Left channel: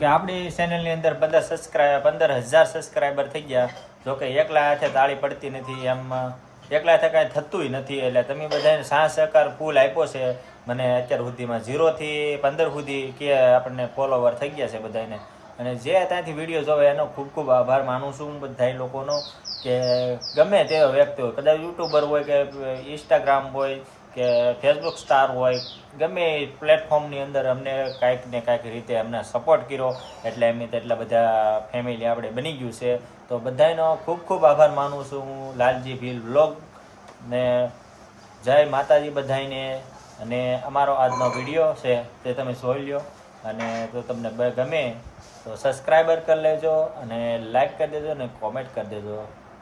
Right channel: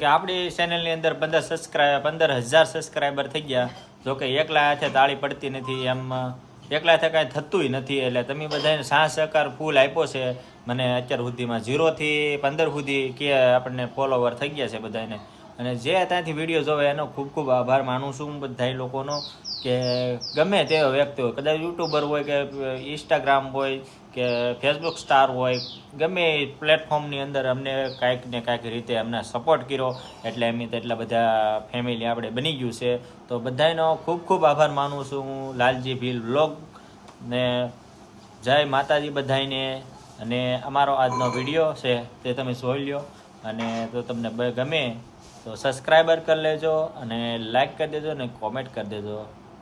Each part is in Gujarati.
કે આપણી ચેનલની અંદર પંદર સબસ્ક્રાઈબ પંદર હજાર સબસ્ક્રાઈબર થઈ ગયા. જો કે એકલા હાથે તાળી પડતી નથી એમ એકલા હાથે કાંઈ થતુંય નથી. એટલે તમે બધાને સાહ સહકાર ફૂલ આપ્યો છે. મને અત્યાર સુધીમાં ઝીરોથી પંદર સુધી કે આપણને ફોલોવર થઈ ગયા છે બધાને અને જે ત્યાંથી વીડિયો જોવે એનો ખૂબ ખૂબ આભાર માનું છું બધા લોકોનો કે ગમે તેવો વ્યક્તિ હોય. કદાચ યુટ્યુબર હોય કે ઇન્સ્ટાગ્રામ હોય કે ફેસબુક સ્ટાર હોય, ગમે પ્લેટફોર્મની અંદર અમને કાંઈક ને કાંઈક રીતે અમને સપોર્ટ કર્યો, એટલે એમની તો એટલા બધા ફેમિલી આપણે બની ગયું છે. તો બધાનો ખૂબ ખૂબ આભાર માનું છું હું, લાલજી ભીલ વ્લોગ ને જય માતાજી બધાને અને અમારો આજનો વીડિયો છે તે તમે જોઈ લ્યો. અને જો તમને ગમે તો સબસ્ક્રાઈબર કરી લેજો અને લાઈક કરી દેજો અને કોમેન્ટ કરી દેજો.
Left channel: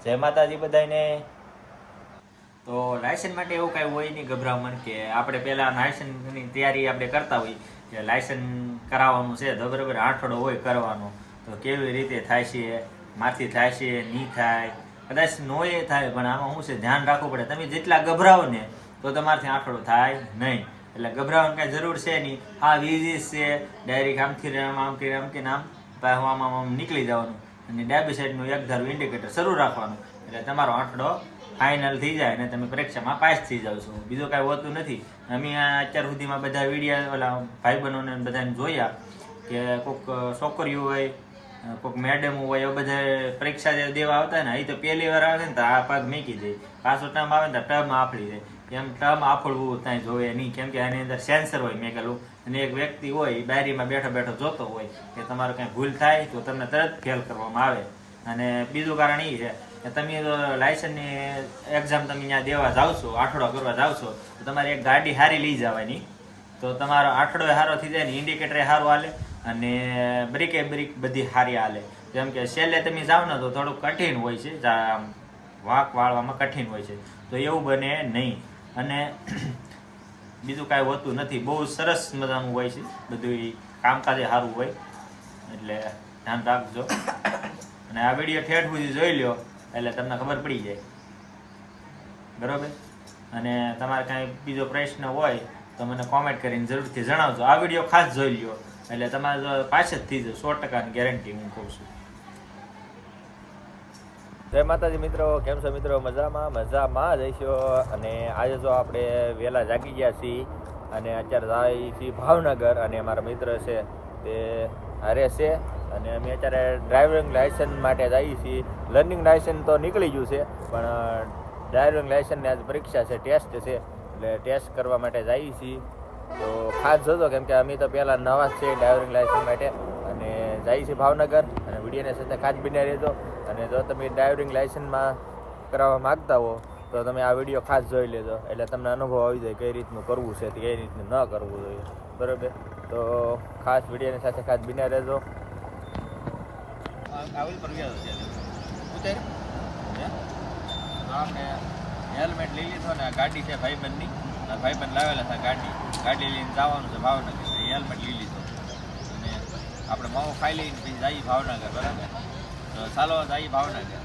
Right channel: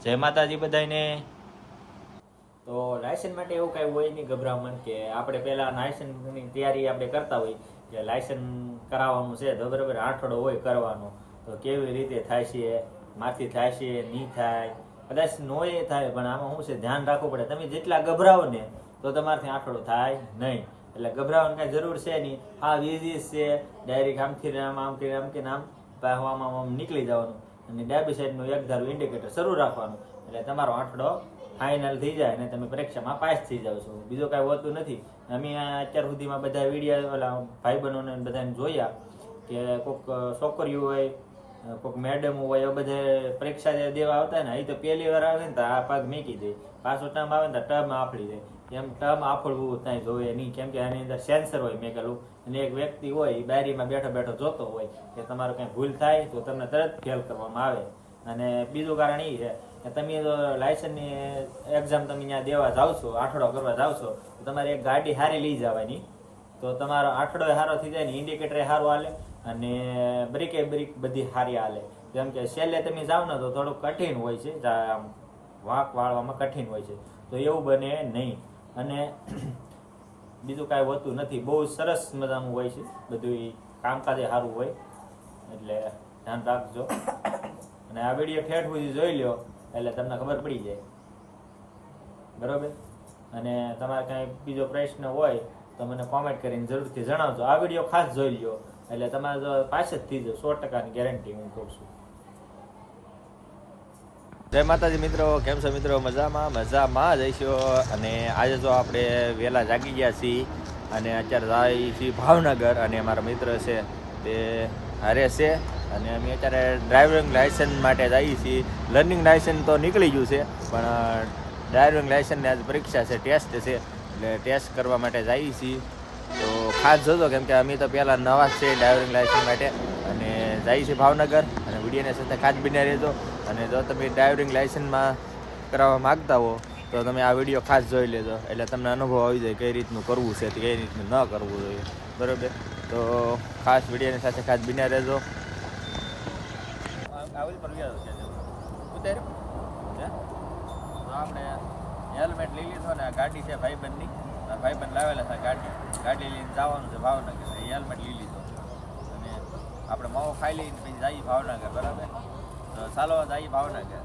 જય માતાજી બધાને તો લાયસન્સ માટે એવું કાંઈ હોય નહીં ગભરામણ કે આપણે પહેલાં લાયસન્સની તૈયારી આપણે કરતા હોય કે લાયસન્સ કરાવવાનું છે તો બરાબર આઠડો હોય કરવાનો. તો કેવી રીતે થાય છે માથી થાય છે, નહીં થાય? કદાચ નોય થાય, પણ આમાં શું છે, ધ્યાન રાખવું પડે. તમે જેટલા ગભરાવો ને તો તમારાથી આઠડો થાય નહીં. એટલે ગભરાવાની કાંઈ જરૂર છે નહીં. હા વીઝીસ છે. ડાયરેક્ટ આમથી આમ આમથી આમ કે આમ આમ આમ નીકળી જવાનું. અને ડાબી સાઈડનું એક ધારું ઇન્ડિકેટર શરૂ રાખવાનું. એટલે તમારો આંકડો ફાઇનલ થઈ જાય અને તમે પરીક્ષામાં પાસ થઈ જાઓ છો. બીજું કાંઈ હોતું નથી. અમે અત્યાર સુધીમાં બધા વિડીયા, ઓલા ભાઈબંધોને બધાને જોયા કે કોઈક છોકરીઓ હોય કોઈક મેડમ હોય એ બધા પરીક્ષા દેવા આવતા ને એ તો પહેલી વાર આવે ને તો આ પગ મૂકી દે. પાછો ટર્મ આવે ને તો ટર્મ આફળી જાય એમ ટર્મ આફળવું ત્યાં જોવે નહીં. કેમ કે આની અંદર સેન્સર હોય મેકેલું અને એક વ્યક્તિ હોય એ બારીમાં બેઠો બેઠો જોતો હોય કે તમારું કંઈ ભૂલ થાય તો તમને તરત ફેલ કરવામાં આવે. અને બીજું કારણ એ છે તમે લાયસન્સની એક્ઝામ તમે ત્યાં દેવા જાઓ છો આઠડો કરવા જાવ છો, તો તમારે એક ગાડી હારી લઈ જવાની. તો તમારો આઠડો સારો થઈ જાય ને ઇન્ડિકેટર સારું હાલે અને બ્રેકે બ્રેક બધી સારી હાલે. જેમ કે છેલ્લે તમે જાઓ ને તો થોડુંક કઠિન હોય છે વાંક વાળવામાં કઠિન હોય છે. તો એવું બને નહીં. અને બીજું કાંઈ હોતું નથી. બહુ સરસ મજાનું હોય છે. બધું કામકાજે સારું હોય. એટલે ધ્યાન રાખજો. અને આ વીડિયો ઠેઠ સુધી જોઈ લ્યો. એટલે તમને ખબર પડી જાય. બરાબર? અને તમારે કાંઈ બીજો પ્રશ્ન હોય તો મને કોમેન્ટ કરીને જરૂરથી જણાવજો. આ વીડિયો ખાસ જોઈ લ્યો. એટલે તમારે જો પાછળ જ સો ટકાની ગેરંટી હું કહું છું. જય માતાજી મિત્રો. કેમ છો મિત્રો? મજામાં? મજામાં જઈશો અને આજે જો આપણે વહેલા જાગી ગયા છીએ અને અત્યારે જાય છીએ ભાવનગર અને અમારા મિત્ર છે તે હારે છે. અને અમે અત્યારે ડ્રાઇવિંગ લાયસન્સ માટે જઈએ છીએ. લર્નિંગ લાયસન્સ તો નીકળી ગયું છે, પણ ડ્રાઇવિંગ લાયસન્સની આજે પરીક્ષા છે ટેસ્ટ છે. એટલે ટેસ્ટ કરવા માટે જઈએ છીએ. તો ખાસ જોજો, કેમ કે અમે તો પહેલાં નવા છે ડ્રાઇવિંગ લાયસન્સ માટે. અને જઈએ છીએ ભાવનગર, અને વિડીયોની સાથે ખાસ બીને રહેજો. અને જો તમે ડ્રાઇવિંગ લાયસન્સમાં કરાવવા માગતા હો, તો તમે આ વીડિયો ખાસ જોઈ લેજો. એટલે તમને અનુભવ આવી જાય કઈ રીતનું કરવું છે, કઈ રીતનું ન કરવું જોઈએ. બરોબર? તો ખાસ વિડીયોની સાથે ખાસ બિના રહેજો. આવેલ પર ગયા છે ઉતાર આપણે હેલ્મેટ લઈ લીધો ને આ ગાડી છે ભાઈબંધની. ભાઈબંધ લાવેલા છે ગાડી. ગાડી લઈને જવાનું છે ભાવનગર. હેલ્મેટ લઈ લીધો. અને આપણે માવો ખાઈ લઈને પછી જઈએ ભાવનગર, બરાબર? તો ચાલો, જઈએ ભાવનગર.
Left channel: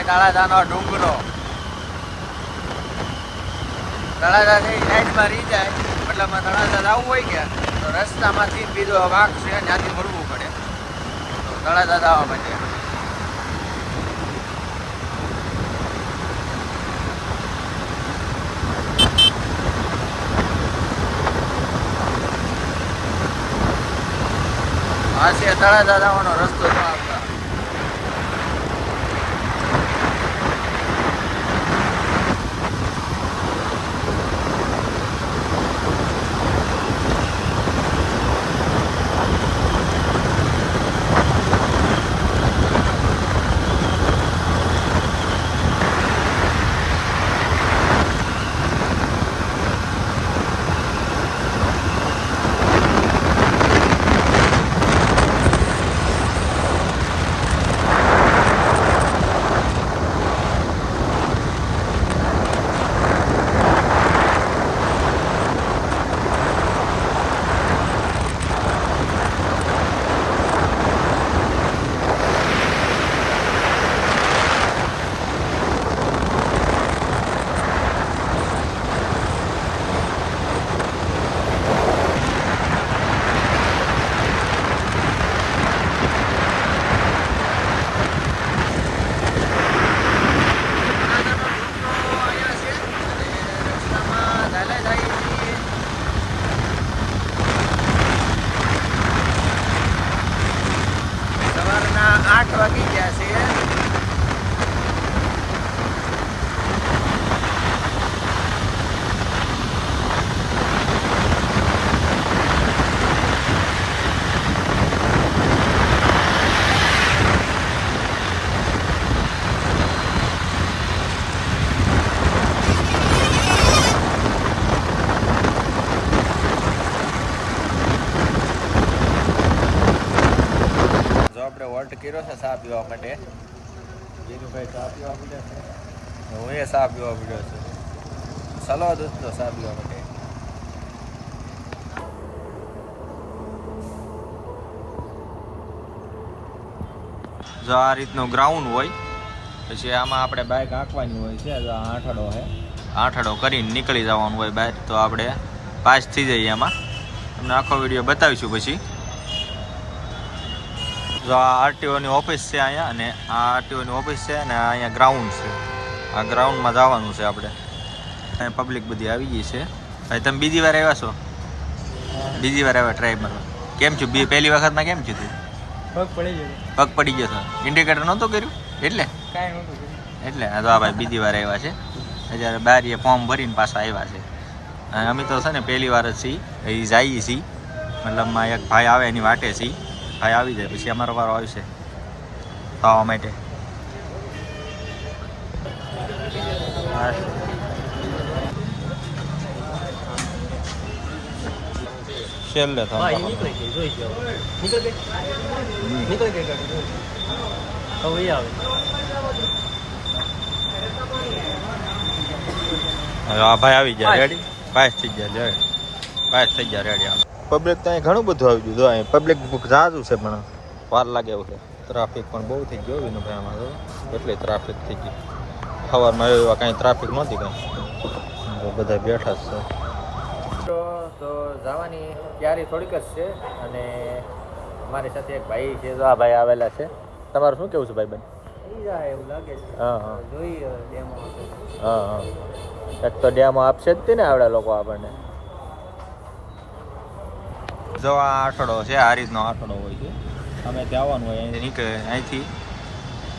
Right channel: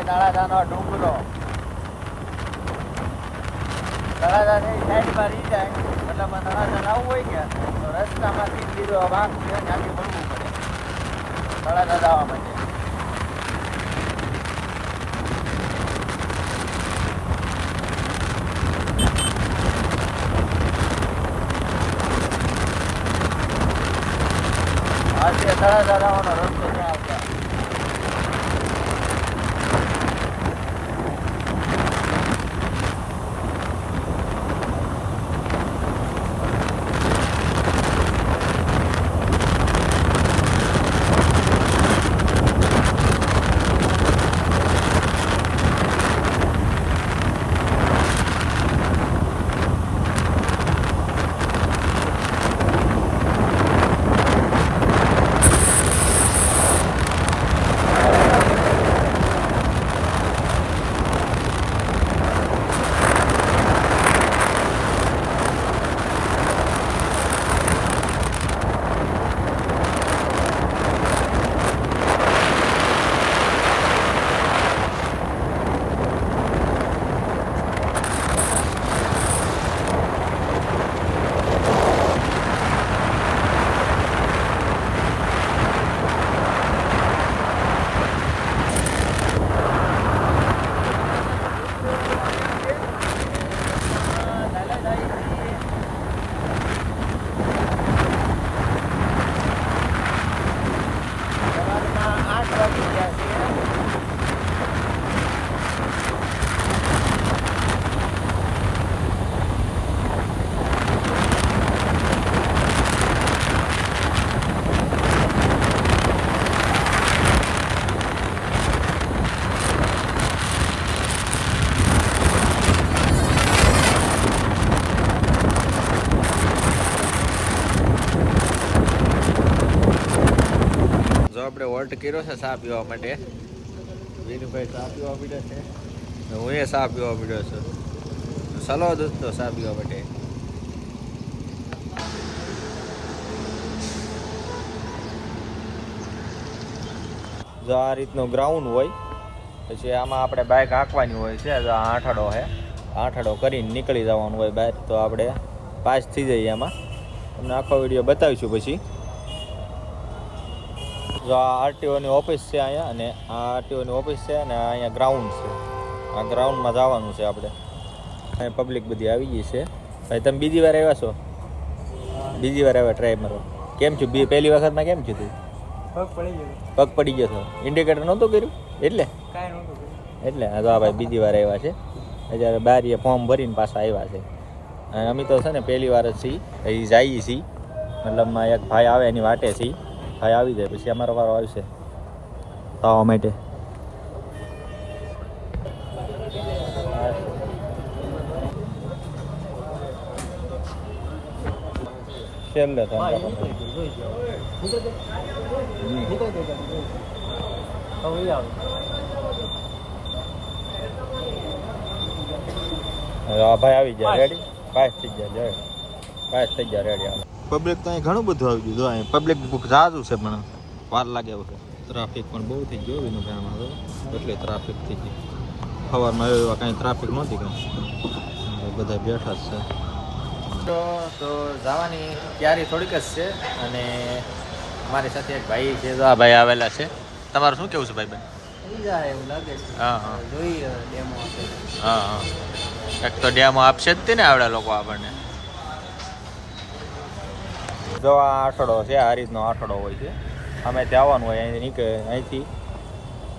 દેખાય તળાજાનો ડુંગરો. તળાજાથી સાઈડમાં રહી જાય મતલબ તળાજા જવું હોય કે, તો રસ્તામાંથી બીજો વાંક છે, ત્યાંથી વળવું પડે. તળાજા જવા માટે આ છે રસ્તો જો કર્યો છે ચા પીવા માટે. હું એ ચા પીવા પીડ્યો છું. ચાલો દોસ્તો ચા પીવા માટે. જો આ રીતનું ગ્રાઉન્ડ હોય, પછી આમાં આપણે બાઇક હાંકવાની હોય છે, જો આઠડો છે. આઠડો કરીને નીકળી જવાનું હોય બહાર, તો આપણે પાસ થઈ જઈએ એમાં તમને આખો વીડિયો બતાવીશું પછી. જો આ આરટીઓની ઓફિસ છે અહીંયા અને આ આરટીઓની ઓફિસ છે અને અહીંયા ગ્રાઉન્ડ છે. આ ગ્રાઉન્ડમાં જવાનું છે આપણે. અહીંયા પબ્લિક બધી આવી ગઈ છે. ભાઈ તમે બીજી વાર આવ્યા છો? બીજી વાર આવ્યા ટ્રાય મારવા. કેમ છું? બી પહેલી વખતમાં કેમ છું તું પગ પડી ગયો. પગ પડી ગયો હતો ઇન્ડિકેટર નહોતું કર્યું? એટલે? કાંઈ નહોતું એટલે? આ તો આ ભાઈ બીજી વાર આવ્યા છે. અત્યારે બારીએ ફોર્મ ભરીને પાછા આવ્યા છે. અને અમે તો છે ને પહેલી વાર જ છીએ. એ જઈએ છીએ મતલબમાં એક ભાઈ આવે એની વાટે છીએ ભાઈ આવી જાય પછી અમારો વારો આવશે ખાવા માટે. છેલ્લે ભાઈ આવી ગયા રેડી પાસ થઈ ગયા રેડી પાસ થઈ ગયા રેડી હાલો પબ્લિક તો અહીં ઘણું બધું આવી ગયું જો અહીં પબ્લિક જાજુ છે પણ વાર લાગે એવું છે. ટ્રાફિક પણ બહુ થઈ ગયો વિનુભાઈ જો એટલે ટ્રાફિક થઈ ગઈ. સવારમાં એવા કાંઈ ટ્રાફિક નહોતી કાંઈ બધા બેઠા જ છે. તો તો જવાની તૈયારી થોડીક જ છે અને મારી સાથે એક ભાઈ છે તો આ ભાઈ આવેલા છે. તમારું શું કેવું છે ભાઈ બેન? એવું લાગે છે. હા હા. હા હા. એક તો ડેમો આપશે જ તે ને આવડે લોકો આપણને. જો આ આઠડો છે આ રીતનો આઠડો હોય છે. અમે ત્યાં આવવાનું હોય અહીંથી નીકળે અહીંથી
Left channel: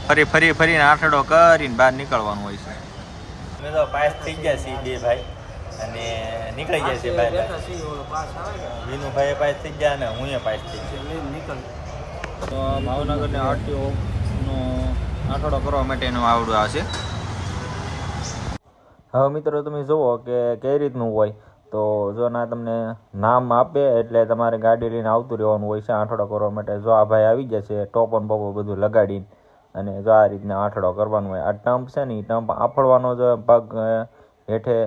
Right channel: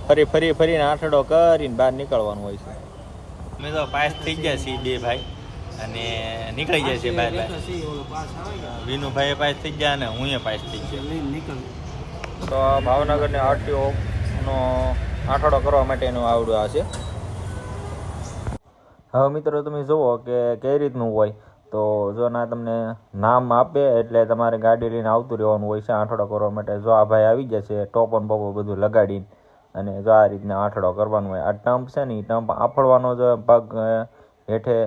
ફરી ફરી ફરીને આઠડો કરીને બહાર નીકળવાનું હોય છે. અમે તો પાસ થઈ ગયા છીએ બે ભાઈ અને નીકળી ગયા છીએ ભાઈ વિનુભાઈ પાસ થઈ ગયા અને હું પાસ થઈ ગયો. તો ભાવનગરને આરટીઓ નો આઠડો કરવા માટેનું આવડું આ છે. હવે મિત્રો તમે જુઓ કે કઈ રીતનું હોય. તો જો ના તમને નામ આપે એટલે તમારે ગાડી લઈને આવતું રહેવાનું હોય છે, આંઠડો કરવા માટે. જો આ ભાઈ આવી ગયા છે ટોપન બોપો બધું લગાડીને અને જો આ રીતના આંઠડો કરવાનું હોય. આ ટમ્પ છે ને એ ટમ્પ આફળવાનો જો પગ હેઠે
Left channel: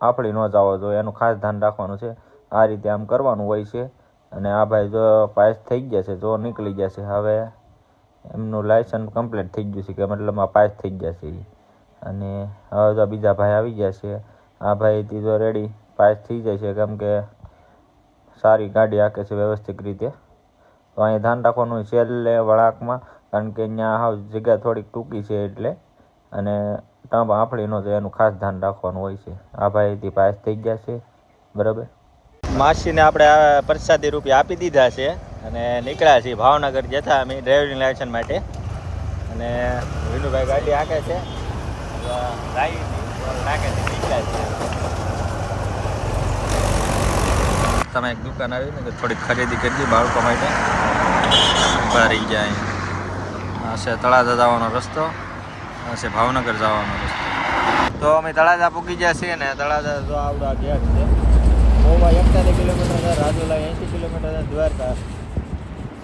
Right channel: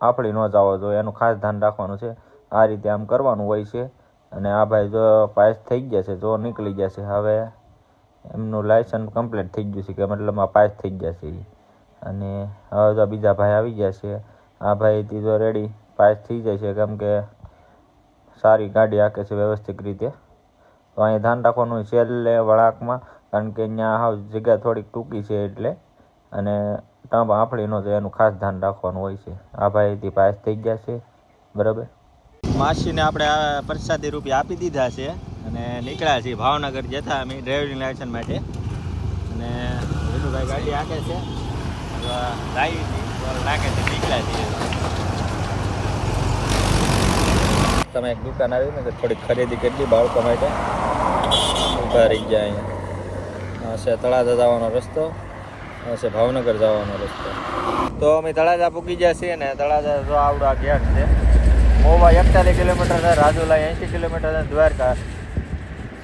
આફળી ન જવો જોઈએ એનું ખાસ ધ્યાન રાખવાનું છે. આ રીતે આમ કરવાનું હોય છે અને આ ભાઈ જો પાસ થઈ ગયા છે, જો નીકળી ગયા છે. હવે એમનું લાયસન્સ કમ્પ્લીટ થઈ ગયું છે, કે મતલબમાં પાસ થઈ ગયા છે અને હવે તો બીજા ભાઈ આવી ગયા છે આ ભાઈ ત્રીજો રેડી પાસ થઈ જાય છે કેમ કે સારી ગાડી હાકે છે વ્યવસ્થિત રીતે. તો અહીં ધ્યાન રાખવાનું છેલ્લે વળાંકમાં, કારણ કે અહીંયા હાવ જગ્યા થોડીક ટૂંકી છે એટલે. અને ટંપ આફળી જાય એનું ખાસ ધ્યાન રાખવાનું હોય છે. આ ભાઈથી પાસ થઈ ગયા છે, બરાબર? માસીને આપણે પ્રસાદી રૂપિયા આપી દીધા છે અને નીકળ્યા છીએ ભાવનગર જતા અમે ડ્રાઇવિંગ લાયસન્સ માટે. અને વિનુભાઈ ગાડી હાકે છે. તમે એક દુકાન આવી ને થોડીક ખરીદી દી બાળકો માટે. ઊભા રહી ગયા અહીંયા. છે તળાજા જવાનો રસ્તો હશે ભાવનગર જવાનો રસ્તો. તો અમે તળાજા પૂકી ગયા છીએ ને, તળાજા જો આવડા ગયા છે. મોવા એકતાલીસ કિલોમીટર છે રાજુલા એંશી કિલોમીટર છે દ્વારકા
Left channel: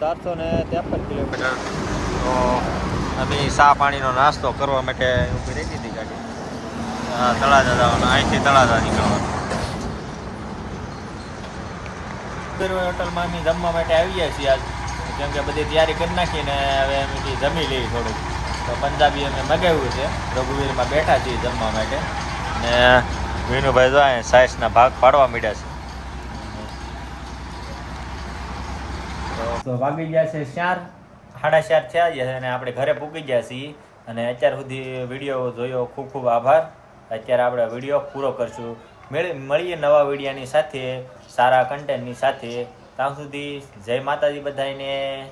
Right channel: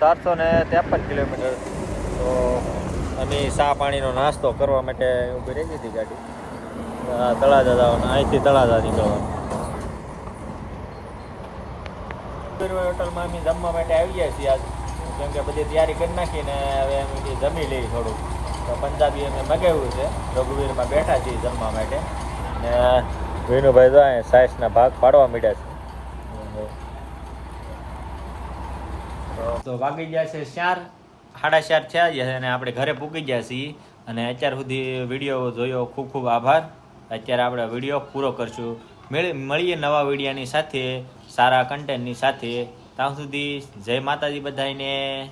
સાતસો ને ત્રેપન કિલોમીટર. તો અમે ચા પાણીનો નાસ્તો કરવા માટે ઊભી રહી હતી ગાડી. તળાજા જવાનું અહીંથી તળાજા નીકળવાનું. હોટલમાં અમે જમવા માટે આવી ગયા છીએ આજ. કેમ કે બધી તૈયારી કરી નાખીને હવે અમે જમી લઈએ થોડુંક. તો પંજાબી અમે મગાવ્યું છે. રઘુવીરમાં બેઠા છીએ જમવા માટે. ને વિનુભાઈ જો અહીંયા ભાગ પાડવા માંડ્યા છે. તો વાગી ગયા છે ચાર સાડા ચાર થયા છે અને આપણે ઘરે પૂકી ગયા છીએ. અને અત્યાર સુધી વીડિયો જોયો ખૂબ ખૂબ આભાર. અત્યારે આપણે વીડિયો પૂરો કરશું. મેળ- મળીએ નવા વિડીયાની સાથે, સારા કન્ટેન્ટની સાથે. ત્યાં સુધી જય માતાજી બધાને